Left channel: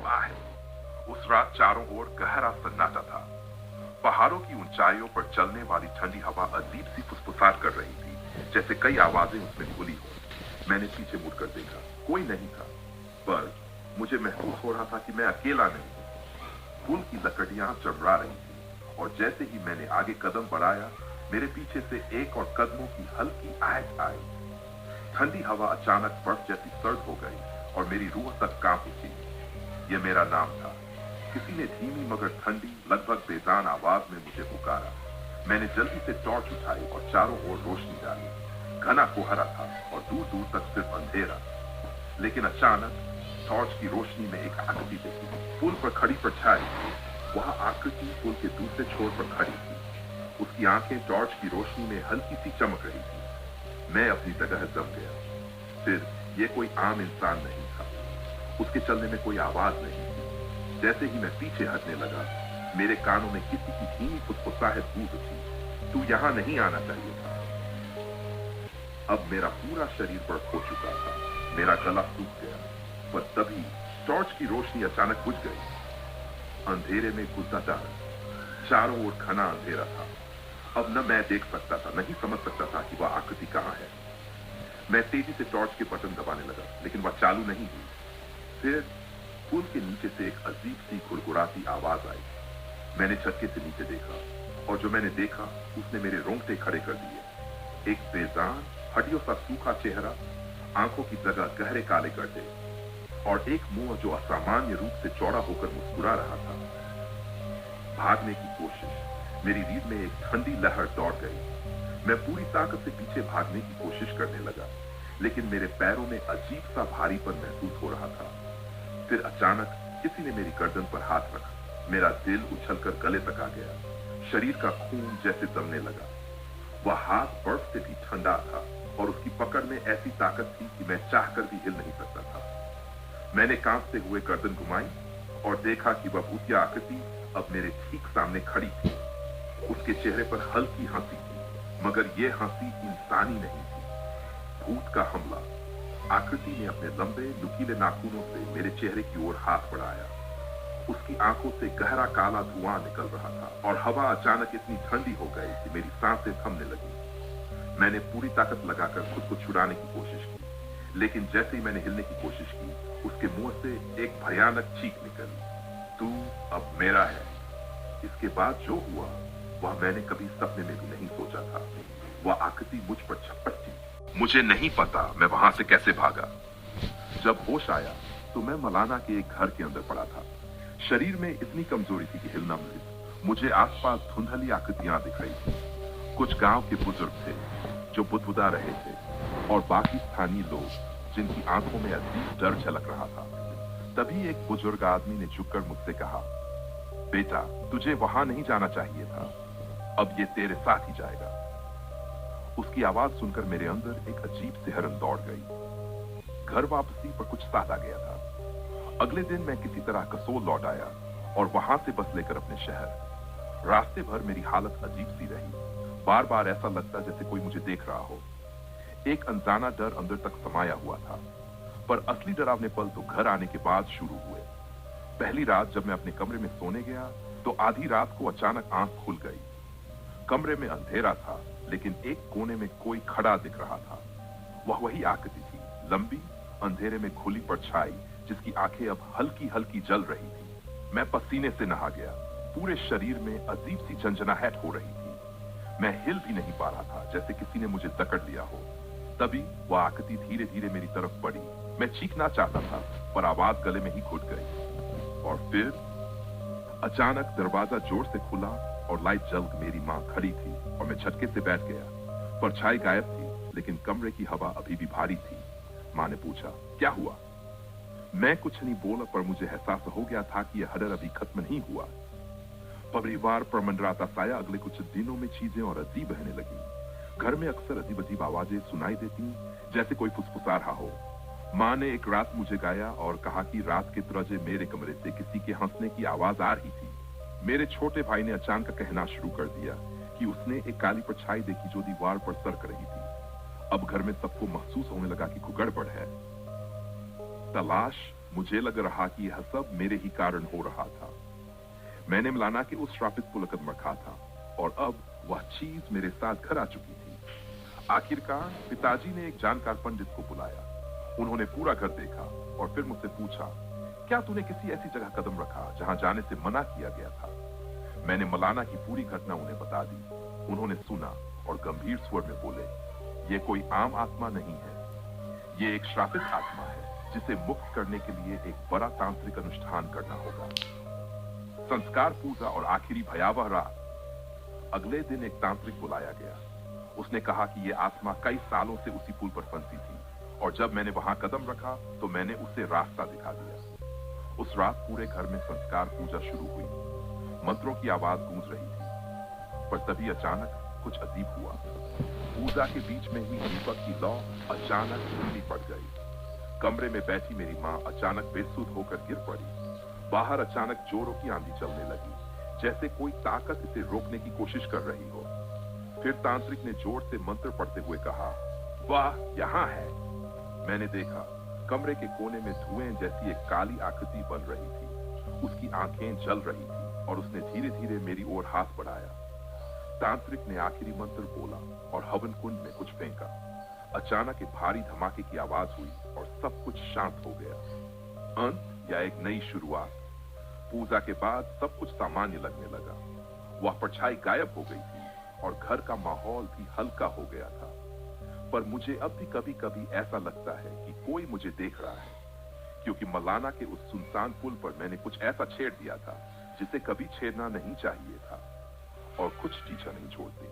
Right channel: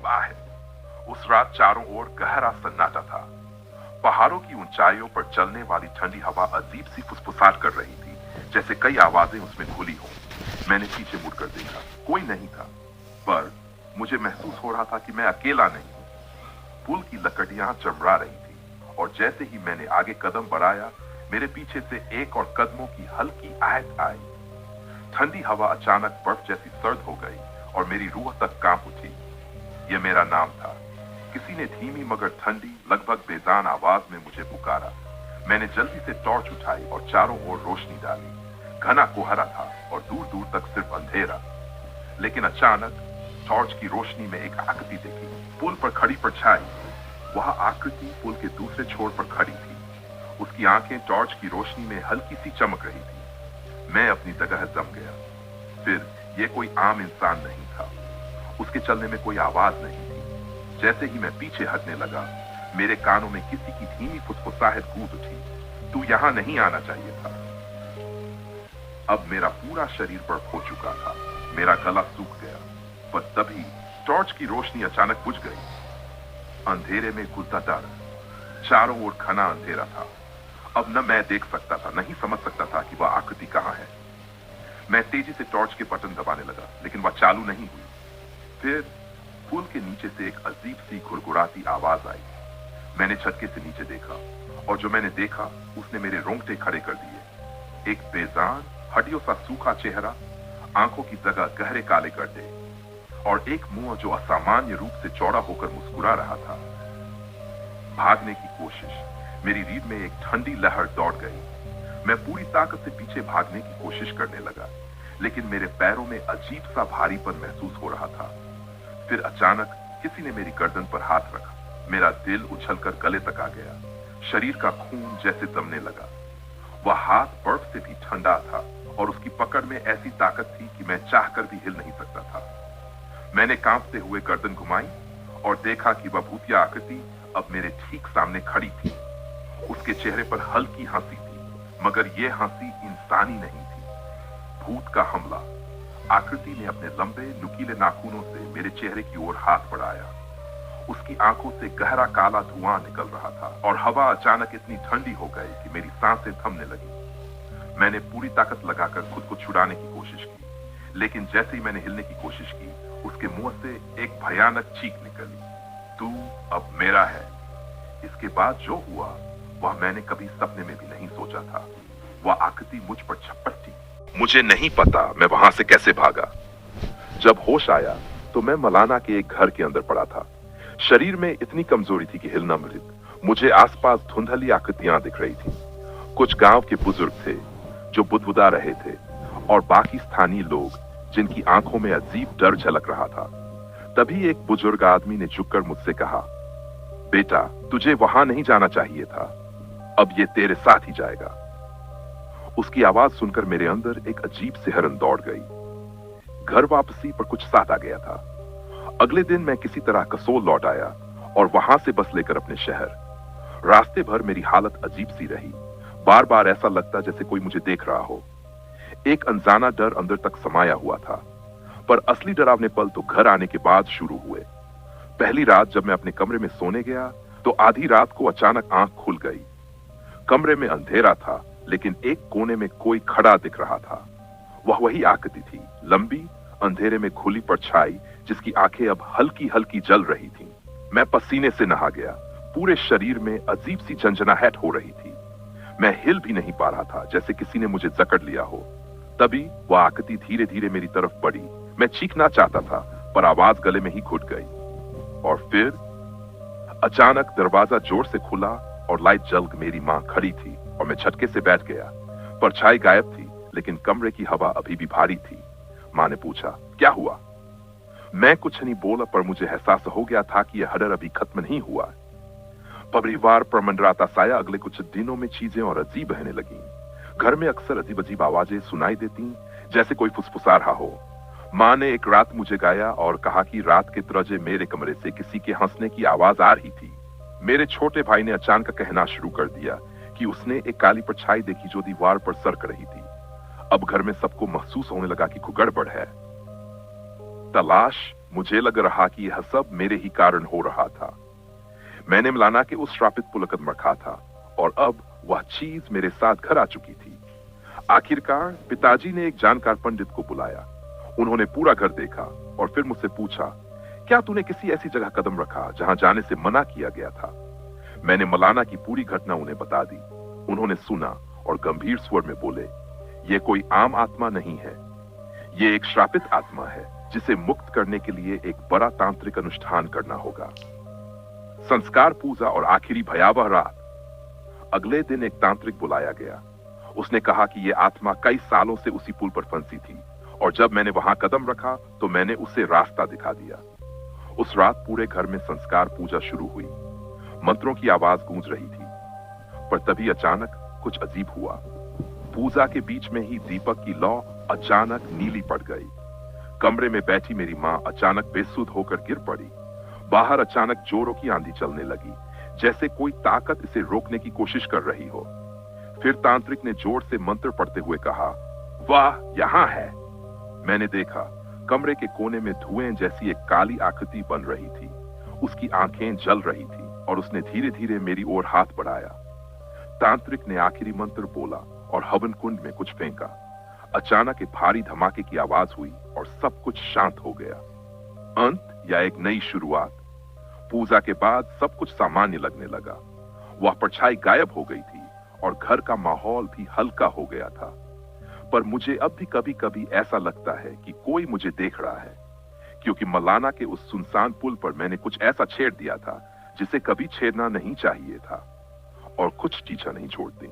अजीब आहट। उस रात चारों ओर गहरा सन्नाटा था। पहाड़ों की ऊंचाइयों पर चलने वाली ठंडी हवा अजीब सी फुसफुसाहट कर रही थी, जैसे कई आवाजें उसमें घुली हों। मैंने पीछे मुड़कर देखा, कोई नहीं था, पर मुझे महसूस हो रहा था कि मैं अकेला नहीं हूं। पुल की लकड़ियां चमड़ा रही थी और जैसे ही मैंने आगे कदम बढ़ाया, मेरे पीछे से एक और कदमों की हल्की आहट आई। ठंडी हवा अचानक बर्फ जैसी सर्द हो गई और मेरी रूह तक कांप उठी। यह मेरा नाम था। किसी ने धीमी मगर ठंडी, लगभग बेजान आवाज में मुझे पुकारा। मैंने जल्दी से टॉर्च उठाई और चारों ओर रोशनी डाली। घना कोहरा था और दूर दूर तक सिर्फ अंधेरा। लेकिन अचानक टॉर्च की रोशनी में एक आकृति देखी, पुल पर खड़ी परछाई। वह आकृति पुल के दूसरे छोर पर खड़ी थी। उसकी आंखें टॉर्च की रोशनी में हल्की सी चमक रही थी। मैं अपनी जगह जम गया। फिर यह कोई आम इंसान नहीं था। उसके चलने में कोई आवाज नहीं थी। जैसे ही मैं पीछे हटने लगा, मेरे कानों में किसी की धीमी फुसफुसाहट गूंज उठी, तू यहां नहीं आना चाहिए था। अब मेरा पूरा शरीर बर्फ हो चुका था। मेरा गला सूख गया। पर तभी टॉर्च की रोशनी अचानक बुझ गई। अंधेरे में गुस्साटा, चारों ओर घना अंधेरा था। अब न मैं देख सकता था, नहीं समझ सकता था कि वह आकृति कहां है। मैं तेजी से टॉर्च के बटन दबाने लगा, लेकिन वह चालू नहीं हुई। फिर पुल के नीचे से एक अजीब सी गुड़गुड़ाती आवाज आई। मैंने झटके से नीचे देखा और जो मैंने देखा उसने मेरे रोंगटे खड़े कर दिए। एक बेजान, हड्डियों सा सूखा चेहरा, आंखों की जगह गहरे काले गड्ढे और एक मुंह जो असामान्य रूप से चौड़ा होकर मुस्कुरा रहा था। भागने की कोशिश, मेरी रीढ़ में एक ठंडी लहर दौड़ गई। मैं पूरी ताकत से पीछे भागने की कोशिश करने लगा, लेकिन मेरे पैरों में अजीब सा भारीपन महसूस हो रहा था। फिर अचानक किसी ने मेरी गर्दन पर हाथ रखा। मेरा दिल उछलकर गले तक आ गया। शरीर का खून जैसे जमने लगा। वह हाथ बर्फ से भी ठंडा था और उसकी पकड़ में ऐसी ताकत थी कि मैं चाहकर भी हिल नहीं सकता था। मैंने कांपते हुए गर्दन घुमाई और देखा कि वह भूतिया आकृति अब मेरे ठीक सामने खड़ी थी। उसके चेहरे पर हल्की हंसी थी, मगर यह हंसी इंसानी नहीं थी। भूत का हमला। आकृति ने अपने लंबे नुकीले नाखूनों से मेरे चेहरे की ओर हाथ बढ़ाया। उसकी आंखों से गहरा काला धुआं निकल रहा था और हवा अचानक इतनी ठंडी हो गई कि मेरी सांसें थमने लगी। मैंने पूरी ताकत लगाकर खुद को छुड़ाने की कोशिश की, लेकिन जैसे ही मैंने हिलने की कोशिश की, उसके मुंह से एक भयानक चीख निकली, तू अब मेरा है। इसके बाद जो हुआ वह मैंने कभी सपने में भी नहीं सोचा था। वह आकृति मुझ पर झपट थी। मुझे नहीं पता मैं वहां से कैसे भागा। जब होश आया तो मैं मलाना के एक घर के अंदर पड़ा था। शरीर में इतनी कमजोरी थी कि हिलना मृत। मुझे आसपास धुंधली आकृतियां दिख रही थी। कुछ गांव के बुजुर्ग थे जो बुदबुदा रहे थे और बाकी स्थानीय लोग जिनकी आंखों में अजीब डर झलक रहा था। तभी एक बुजुर्ग आदमी ने झुककर मुझसे कहा, बेटा तुझे वहां नहीं जाना चाहिए था, अब ये तेरे साथ ही जाएगा। उसकी आवाज सुनकर मेरे अंदर एक अजीब सिहरन दौड़ गई। घर वापसी पर कुछ साथ आ गया था। अगले दिन मैं किसी तरह कसोल लौट आया और वहां से बस लेकर अपने शहर। रास्ते भर मेरी हालत अजीब सी रही। बार बार ऐसा लगता जैसे कोई मुझे देख रहा हो। एक अनजाना डर अंदर तक समाया हुआ था, पर असली डरावने पल तो घर आने के बाद शुरू हुए। पहली रात जब मैं अपने कमरे में सोने गया तो आधी रात को अचानक आंख खुल गई। कमरे में अंधेरा था, लेकिन एक कोने में कोई खड़ा दिख रहा था। वह वही आकृति थी, लंबी, अंधेरे में खुली परछाई जिसकी आंखें अब हल्की हल्की जल रही थी। मैं पसीने से नहा गया। पूरे शरीर में अजीब सी झंझनाहट हो रही थी। मैं हिल भी नहीं पा रहा था, जैसे किसी ने मुझे जकड़ लिया हो। तभी वह आकृति धीरे धीरे मेरी तरफ बढ़ी। मैं चीखना चाहता था, पर आवाज गले में ही घुट गई। और फिर अचानक दरवाजा जोर से खुला और लाइट जल मेरी मां खड़ी थी और मैं झटके से बैठ गया। परछाई गायब थी, लेकिन कमरे की हवा अभी भी भारी थी। मां ने पूछा, क्या हुआ? मैं कुछ नहीं बोला, पर मुझे एहसास हो गया था कि यह हडर अभी खत्म नहीं हुआ। परिवार पर मंडराता साया अगले कुछ दिनों में चीजें और अजीब रहने लगी। घर में अक्सर अजीब अजीब आवाजें सुनाई देती, जैसे कोई फुसफुसा रहा हो। मां ने एक रात मुझे गाया और कहा कि रात के दरवाजे मेरे कमरे से किसी के हंसने की आवाज आ रही थी। मेरे छोटे भाई ने अचानक कहना शुरू कर दिया कि उसने एक काली परछाई देखी जो दीवार पर सरक रही थी। अब घर में सबको महसूस होने लगा कि कुछ गड़बड़ है। तलाश मुझे लग रहा कि यह सब मेरे ही कारण हो रहा था। मैंने मलाना के उस श्रापित पुलकदम रखा था और अब वह चीज मेरे साथ घर आ चुकी थी। आखिरकार पिताजी ने एक जानकार पंडित को बुलाया। उन्होंने पूरा घर देखा और फिर मुझसे पूछा, क्या तूने किसी ऐसी जगह कदम रखा जहां जाने से मना किया गया था? मैंने मलाना की पूरी घटना उन्हें बता दी। उन्होंने सुना और गंभीर स्वर में बोले, यह कोई आम आत्मा नहीं है, यह एक श्रापित आत्मा है जिसे मुक्त करने के लिए एक बड़ा तांत्रिक अनुष्ठान करना होगा। संस्कार पूजा और आखिरी भयावह रात। अगले दिन एक तांत्रिक बुलाया गया। उसने कहा कि यह आत्मा कई सालों से उसी पुल पर फंसी थी और जब मैंने वहां कदम रखा तो मैंने उसे रास्ता दिखा दिया। उस रात पूरे घर में संस्कार पूजा शुरू हुई। मंत्रों की आवाज गूंज रही थी, पर तभी अचानक कुछ अजीब हुआ। पूजा के बीच में ही दीपक की लौ अचानक नीली पड़ गई। कमरे में बैठी मेरी मां अचानक बेसुध होकर गिर पड़ी। बाहर अचानक जोरों की आंधी चलने लगी, जैसे कोई ताकत इसे रोकने की कोशिश कर रही हो। फिर तांत्रिक ने जोर से मंत्र पढ़ते हुए कहा, वाह, यहां है। मैंने देखा कमरे के कोने में धुएं जैसी एक काली आकृति बन रही थी। उसकी आंखें जल रही थी और उसने धीरे धीरे मेरी ओर हाथ बढ़ाया। तांत्रिक ने आखिरी मंत्र बोला और हवन कुंड में कुछ फेंका। अचानक एक भारी धमाके की आवाज हुई और सब कुछ शांत हो गया। अंत या एक नई शुरुआत। पूजा के बाद सब कुछ सामान्य लगने लगा। वह परछाई गायब हो गई थी और घर का माहौल भी हल्का हो गया था। पर मुझे अब भी कभी कभी ऐसा लगता है कि कोई मुझे देख रहा है, क्योंकि मलाना के उस सुनसान पुल पर मैंने कुछ ऐसा छेड़ दिया था जिसे कभी छेड़ना नहीं चाहिए था, और कुछ चीजें नहीं छोड़ती।